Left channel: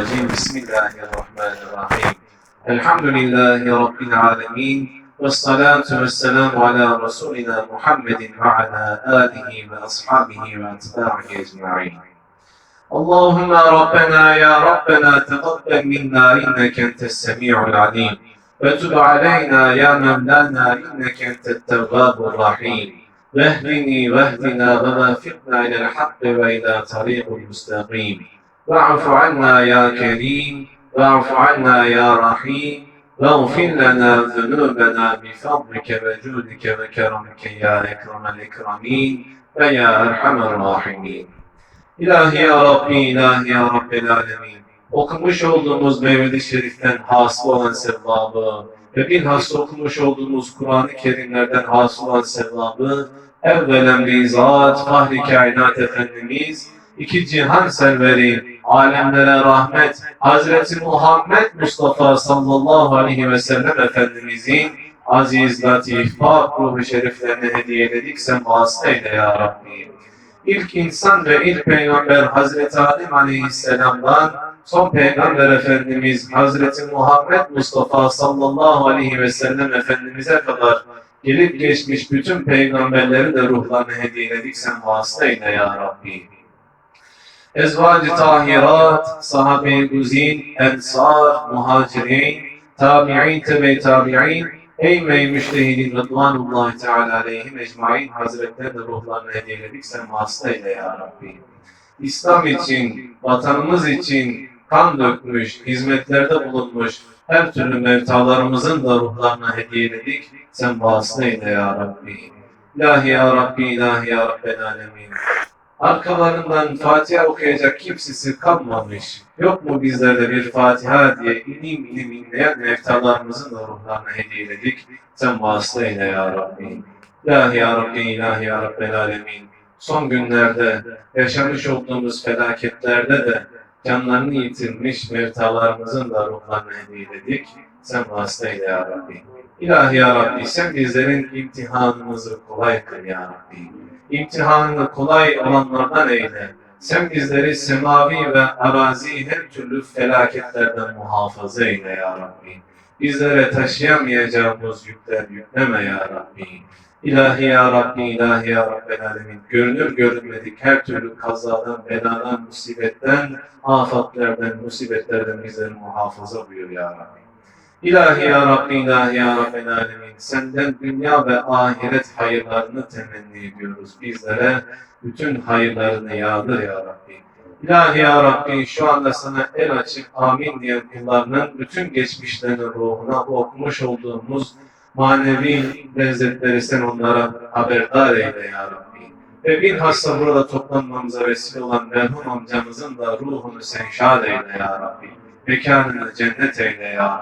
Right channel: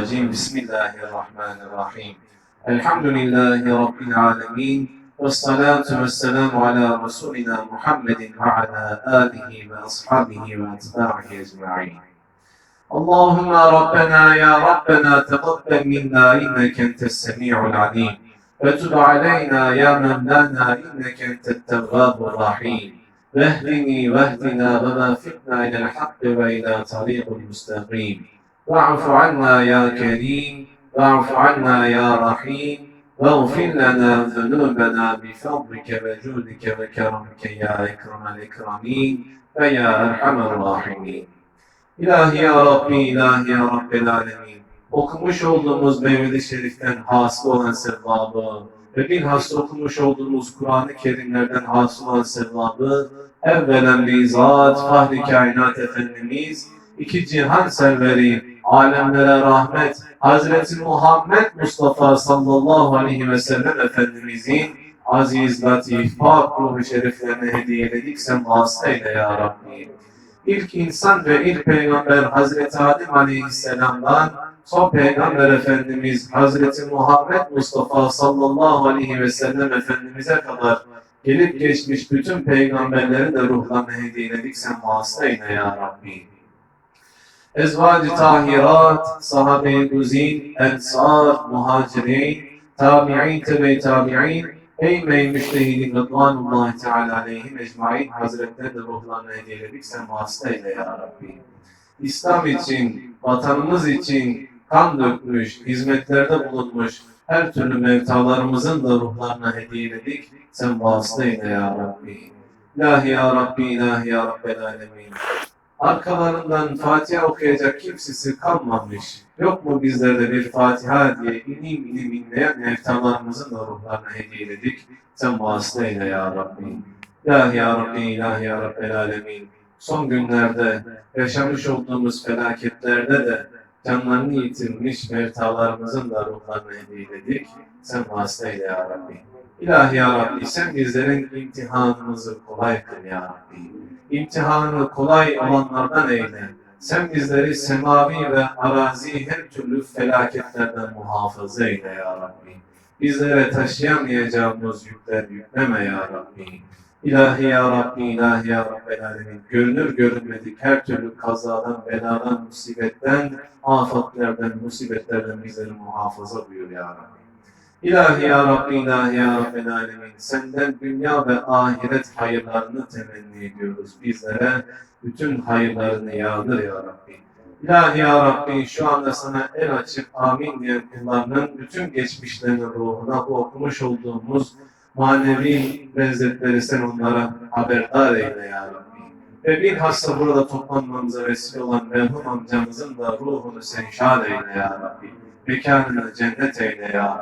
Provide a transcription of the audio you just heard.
الرجيم. بسم الله الرحمن الرحيم. الحمد لله رب العالمين والصلاة والسلام على رسولنا محمد وعلى آله وأصحابه وأتباعه أجمعين. اللهم ربنا يا ربنا تقبل منا إنك أنت السميع العليم. وتب علينا يا مولانا إنك أنت التواب الرحيم. واهدني واهدنا ووافقنا إلى الحق وإلى طريق المستقيم واعف عنا يا كريم واعف عنا يا رحيم واغفر لنا ذنوبنا بفضلك وجودك وكرمك يا أكرم الأكرمين ويا أرحم الراحمين İlahi ya Rabbi, ilahi ya Rabbel Alemin. Okumuş olduğumuz Mevlid-i Şerif'ten hasıl olan sevabı ve bilhassa okumuş olduğumuz Kur'an-ı Kerimlerden hasıl olan sevabı evvelen bizzat Fahri Kainat Efendimiz, iki cihan serveri, alemlere rahmet, Hazreti Muhammed Mustafa sallallahu aleyhi ve sellem Efendimizin aziz, latif, pak ruhu şeriflerine hediye ededik. Sen vasıta eyle ya Rabbi. İlk insan ve ilk peygamber Hazreti Adem Aleyhisselam'dan son peygamber Efendimiz Hazreti Muhammed Mustafa sallallahu aleyhi ve sellem Efendimiz'e kadar gelip geçmiş bütün peygamberleri de ruhlarına hediyeledik sen vasıta eyle ya Rabbi. Ezvac-ı tahirat, sahabe-i güzin, ensar, muhacirin, tabi'in, tebe tabi'in, Ey müştehidin rıdvanullahi teala aleyhim ecmain hazretlerine ruhlarını hediyeledik sen vasıta eyle ya Rabbi. İslam için, vatanımız için kan dökmüş, hizmetlerde bulunmuş her türlü mevtalarımızın da ruhlarına hediyeledik. Sen vasıta eyle ya Rabbi. İlahi ya Rabbi, ilahi ya Rabbel alemin. Arkalarından Fatiha okuyacak kimsesi kalmamış. Yok mu bizlerde bir Fatiha diye ilim ilim inleyen mevtalarımızın da ruhlarına hediyeledik. Sen vasıta eyle ya Rabbi. İlahi ya Rabbi, ilahi ya Rabbel alemin. Son günlerde yaşamış olduğumuz felaketlerde de canlarını yitirmiş mevtalarımızın da ruhlarını hediyeledik. Sen vasıta eyle ya Rabbi. İlahi ya Rabbi sen bizlerin imtihanımızı kolay kıl ya Rabbi. İmtihanını kolay olanlardan eyle. Sen bizleri semavi ve arazi her türlü felaketlerden muhafaza eyle ya Rabbi. Bizlere taşıyamayacağımız yükler yükleme ya Rabbi. İlahi ya Rabbi, ilahi ya Rabbel Alemin. Görünür görünmedik her türlü kazadan, beladan, musibetten, afatlerden, musibetlerden bizleri muhafaza buyur ya Rabbi. İlahi ya Rabbi, ilahi ya Rabbel Alemin. Senden dünya ve ahiret hayırlarını temenni ediyoruz. Bizlere bütün hayırlarını yağdır ya Rabbi. İlahi ya Rabbi şu anda sana el açıp amin diyen kullarının bütün geçmişlerinin ruhuna okumuş olduğumuz manevi lezzetleri sen onlara haberdar eyle ya Rabbi. Ve bilhassa burada toplanmamıza vesile olan merhum amcamızın da ruhunu sen şad eyle ya Rabbi. Mekanını cennet eyle ya